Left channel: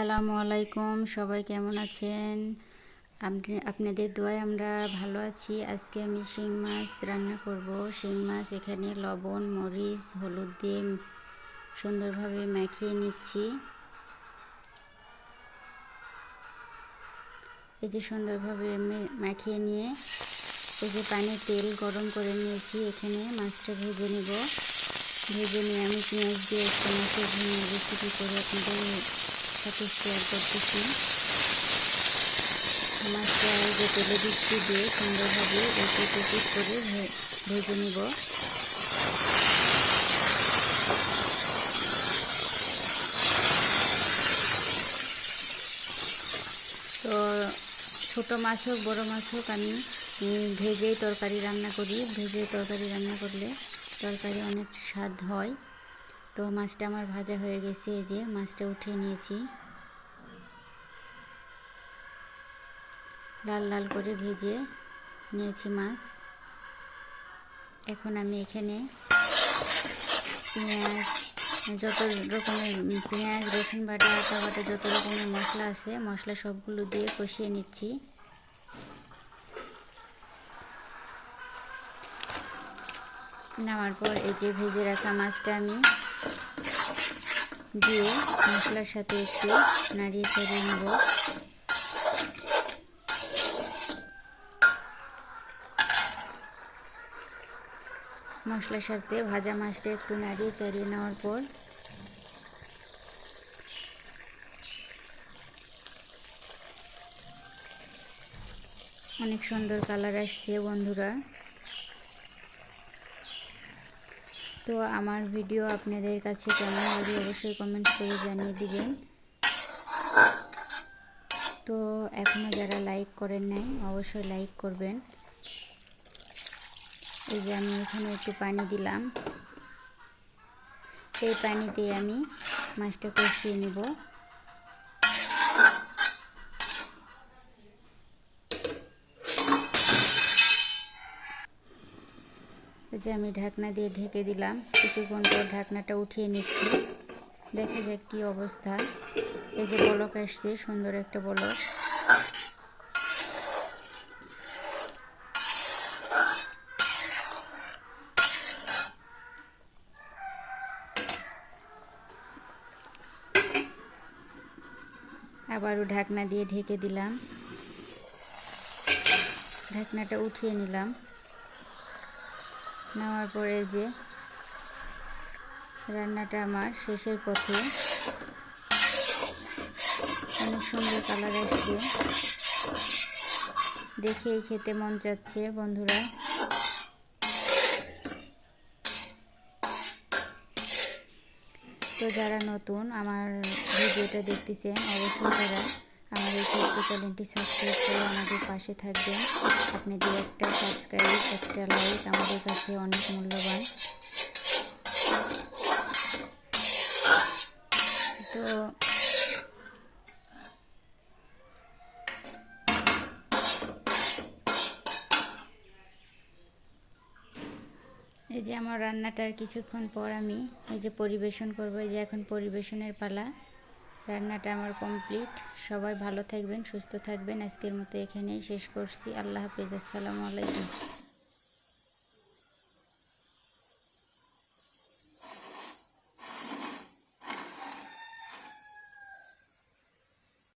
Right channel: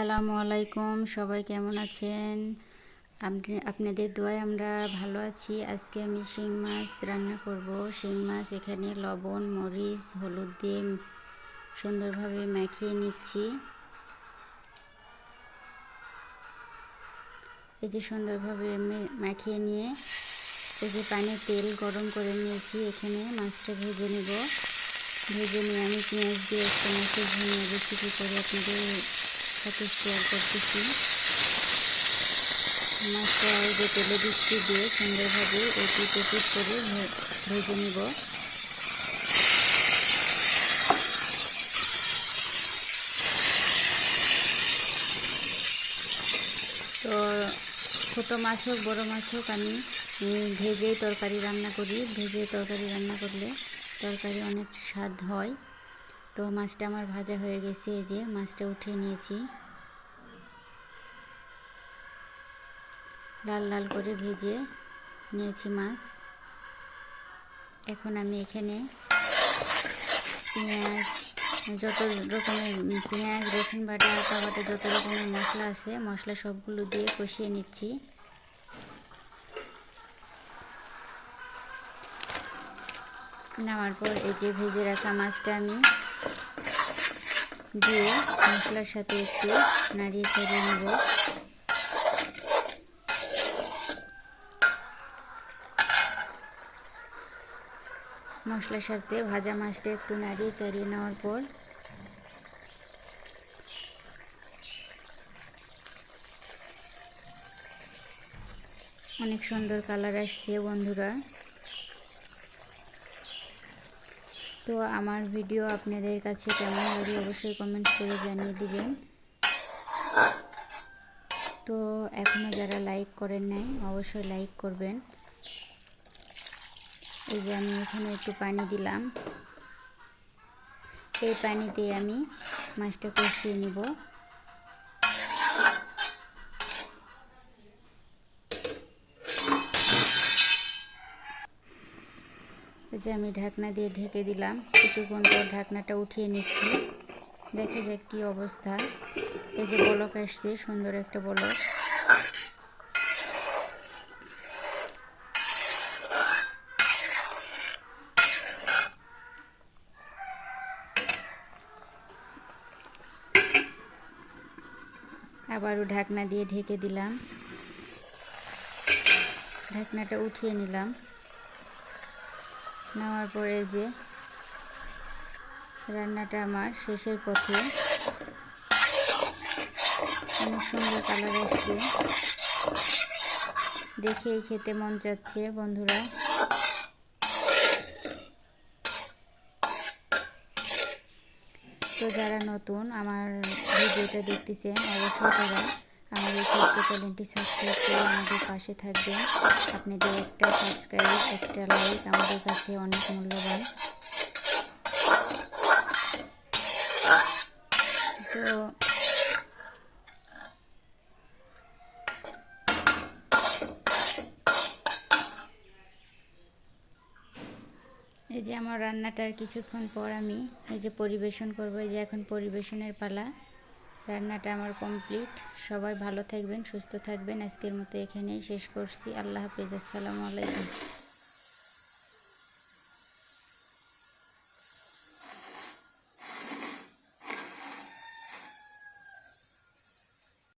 আসসালামু আলাইকুম, সবাই কেমন আছেন? আপনি, আপনাদের দোয়ায় আমরা ভালো আছি। আজকে আমি শিং মাছ রান্না করব। শিং মাছ এখানে লবণ, মরিচ, হলুদ দিয়ে সুন্দরভাবে মাখিয়ে নিচ্ছি। এই যে সুন্দরভাবে মাখিয়ে নিয়ে এই যে পানি তেল গরম করে নিয়েছি, এখানে মাছটা ভেজে নেব। ভেজে নিয়ে আমি পেঁয়াজ দিয়ে একটা মাছের রেসিপি করে আপনাদের সাথে শেয়ার করতেছি। মাছটা যে তেলে দিচ্ছি দিয়ে সুন্দরভাবে একটু টেপিট করে ভেজে নিব। তো ছোট মাছ হোক, বড়ো মাছ হোক, আমি ভেজেই তরকারি রান্না করি। ভেজে তরকারি রান্না করলে তরকারি অনেক স্বাদ হয়। তো মাছটা আমার ভাজা হয়ে গেছে, এই যে মাছটা উঠিয়ে নিয়েছি। লাল লাল করে ভেজে নিয়েছি মাছ। এখন আমি এখানে পেঁয়াজ, যত রকমের পেঁয়াজ, রসুন বাটা আটা বাটা, যত রকমের মশলা আছে, মশলা সবগুলো দিয়ে কষিয়ে নিচ্ছি। নামার পর এই যে ভেজে রাখা মাছটা আমি দিয়ে মশলার সাথে একটু নাড়িয়ে চাড়িয়ে নেব। মশলার সাথে ভাজা মাছটা একটু নাড়িয়ে চাড়িয়ে নেওয়ার পর অনেক সুন্দর কালার আসছে বন্ধুরা। তো আমার ভিডিও আপনাদের কাছে কেমন লাগে অবশ্যই কমেন্ট করে জানিয়ে দিবেন। তো এখনও যারা লাইক করেন নাই, অবশ্যই লাইক করবেন। এই যে আমি এখানে একটু পানি দিলাম। এই পানি আমি মাছটা কষিয়ে নিব। যে আমি ঢাকনা দিয়ে ঢেকে দিলাম। কিছুক্ষণ পর ঢাকনাটা উঠিয়ে নিচ্ছি। দেখা যাক কি অবস্থা। এই যে বলক আসছে, সুন্দর একটা বলক। আবারও ঢাকনা দিয়ে ঢেকে দিলাম। ঢাকনাটা উঠিয়ে নিলাম। নেওয়ার পরে যে রান্নাটা আমার শেষের পথে অনেক সুন্দর কালার আসছে। দেখেই খেতে মন চাচ্ছে বন্ধুরা। তো যারা নতুন আমার ভিডিওটা দেখতেছেন, অবশ্যই তারা এই ছোট্ট চ্যানেলটি সাবস্ক্রাইব করে আমাদের পাশে থাকবেন। আপনাদের একটা সাবস্ক্রাইব একটা লাইক আমাদের কাছে অনেক মূল্যবান। তো এই যে আমার রান্নাটার কিছুক্ষণ পর আমি এই যে পরিবেশন করব, এই যে এখন পরিবেশনের পালা। রান্নাটা আমার কমপ্লিট। সবাই ভালো থাকবেন, সুস্থ থাকবেন। আজকের মতো এখানেই শেষ করছি। আল্লাহ হাফিজ। আসসালামু আলাইকুম।